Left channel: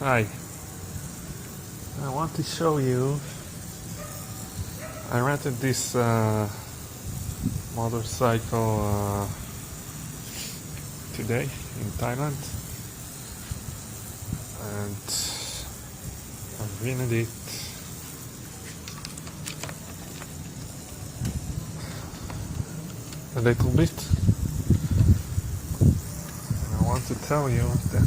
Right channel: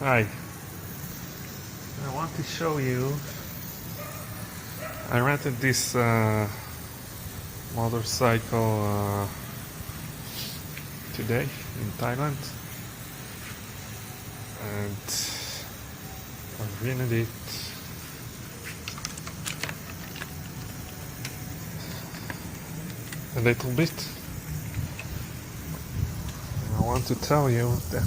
Hi, I want to show you. I rented this motorcycle today in Thailand, and I've ridden it a little bit. And I want to tell you that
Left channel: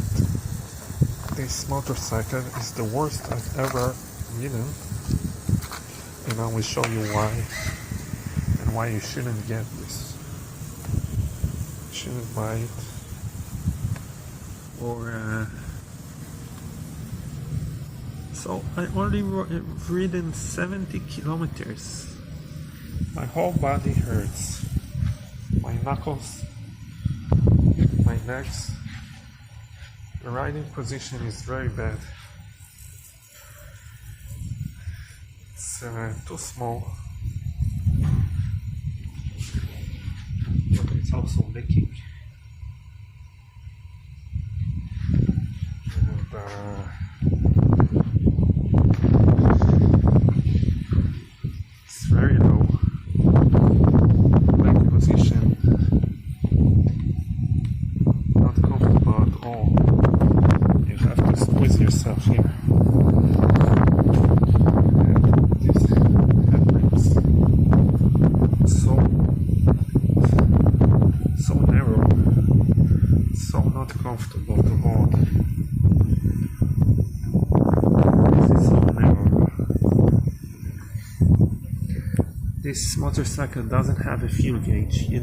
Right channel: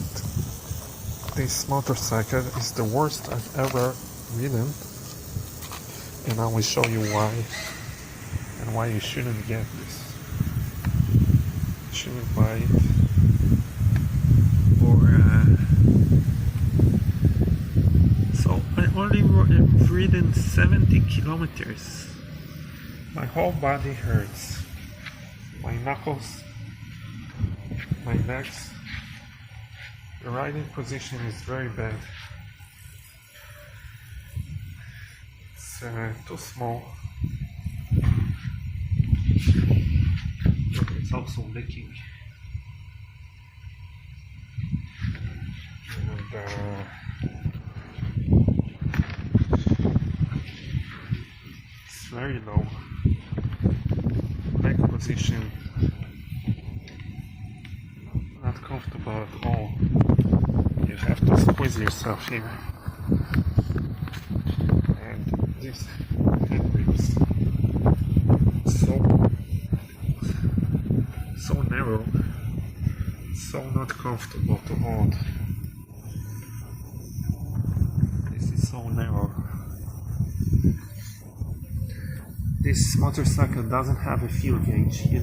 this motorcycle is the worst I've ever ridden, and I will show you why and why you shouldn't get this. You shouldn't buy it. So I only ridden 70 kilometers. My whole body hurts. My knuckles, my legs. The riding position is very bad. It's too small. But it's also leaking. And it's very low. Leg position not comfortable at all. You have to squeeze yourself here. And this handbrings so narrow, so not comfortable to hold. This is so narrow. This motorcycle doesn't have a fuel gauge. You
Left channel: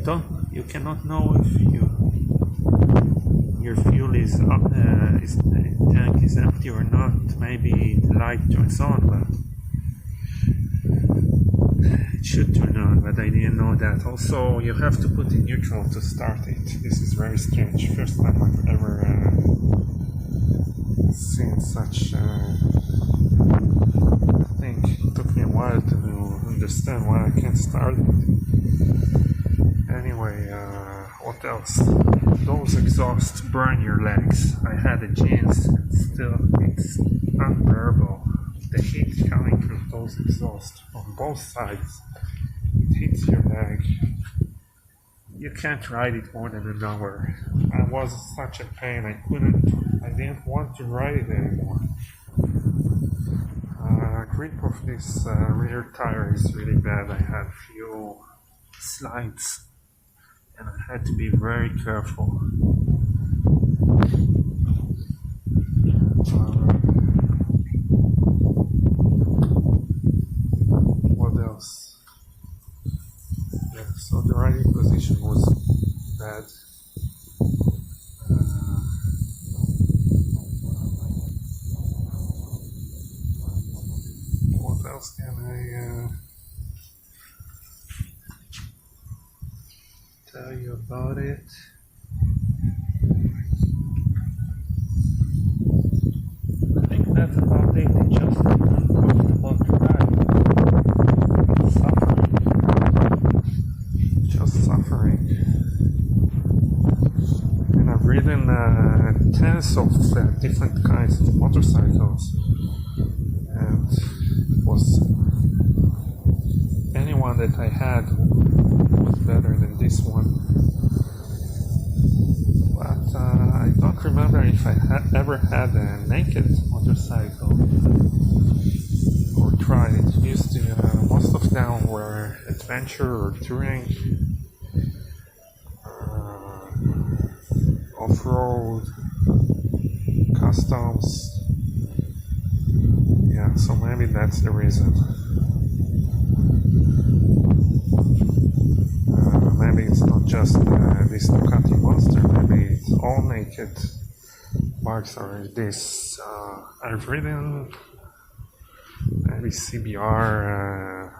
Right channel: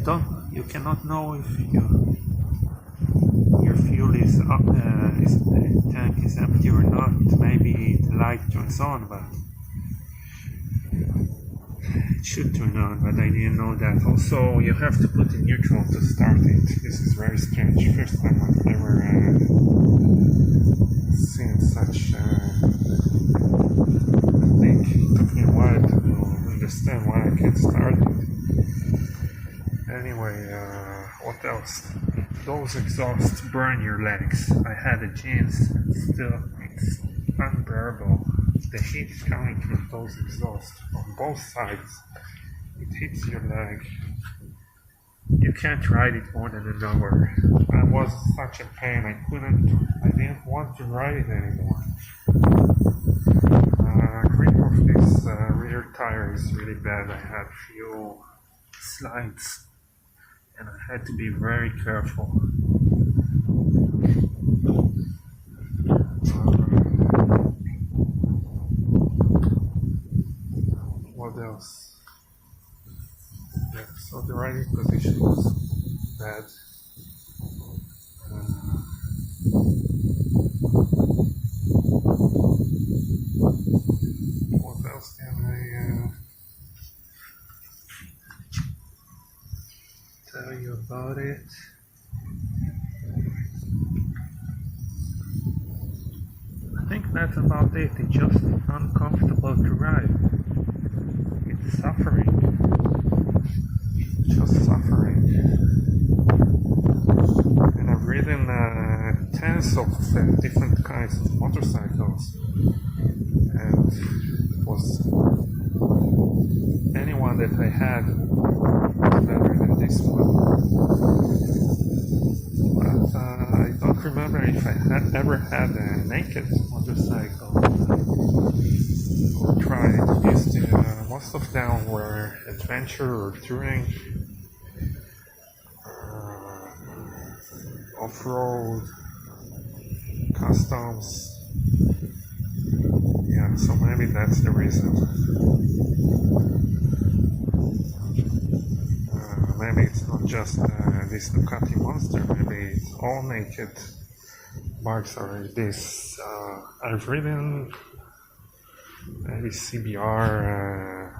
cannot know if your fuel is up, the tank is empty or not. Maybe the light turns on, but it should turn on, but I didn't know that. Also, you have to put in neutral to start it. This is very strange. First time I've ever seen such thing. It took me a while to understand why I can't start it. Anyway, what else? Those exhausts burn your legs. I had a jeans, and still it's unbearable. The heat coming from those exhausts on both sides, it hits your leg. You can't ride it more than an hour. I was such a pain. I didn't want to ride it anymore. Grip of this rear tire is really bad. I had few slides and I had to be very careful. What else? Yeah, so the riding position was bad. What else can I tell you about it? I think that's about it. It's just uncomfortable to ride. It's suffering. Just suffering. And I've ridden tens of different kinds of motorcycles, and it was anyone that I had was better than this one. But I don't remember if I ever had a naked motorcycle or tried. Most of them were adventure or touring, off-road, customs. Yeah, so maybe that's the reason. Maybe it's not just this Ducati Monster, maybe it's all naked bikes are this. I've ridden maybe CBR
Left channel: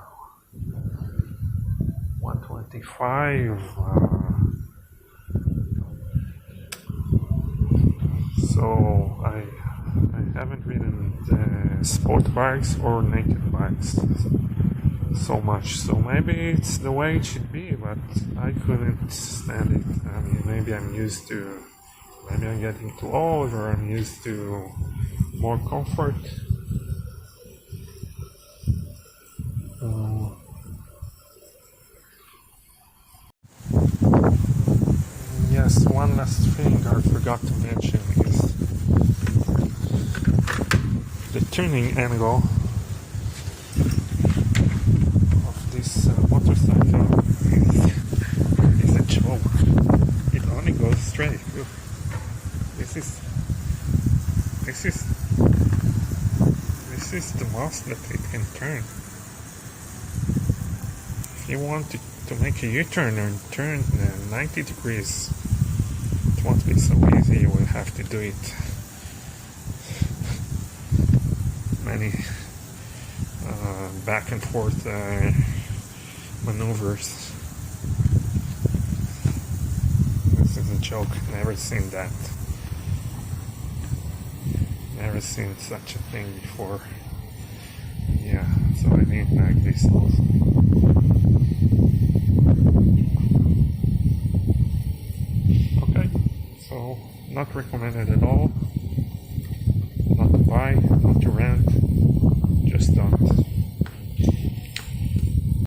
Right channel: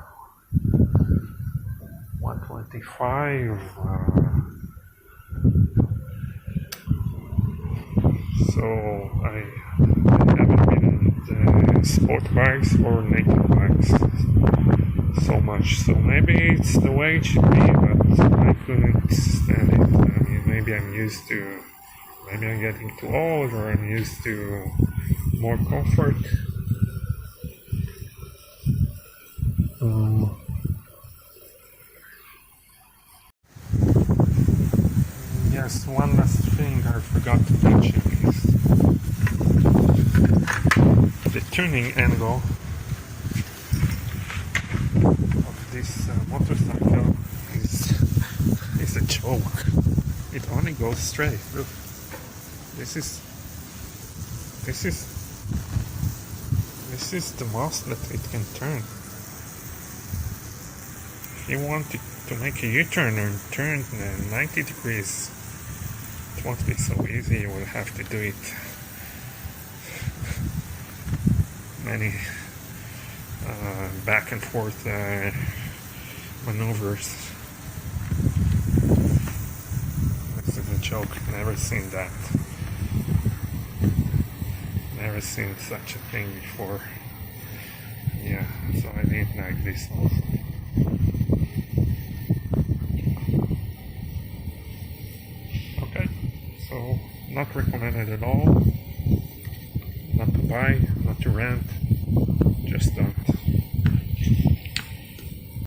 125, so I haven't ridden sport bikes or naked bikes so much. So maybe it's the way it should be, but I couldn't stand it. Maybe I'm getting too old, or I'm used to more comfort. Yes, one last thing I forgot to mention is the tuning angle of this motorcycle is a joke. It only goes straight. Look, this is the most that it can turn. If you want to make a U-turn or turn 90 degrees, it won't be so easy. You will have to do it many back and forth maneuvers. This is a joke. Never seen that. Never seen such a thing before. Yeah, so I need like this also. Okay, so not recommended at all. Not to buy, not to rent, just don't.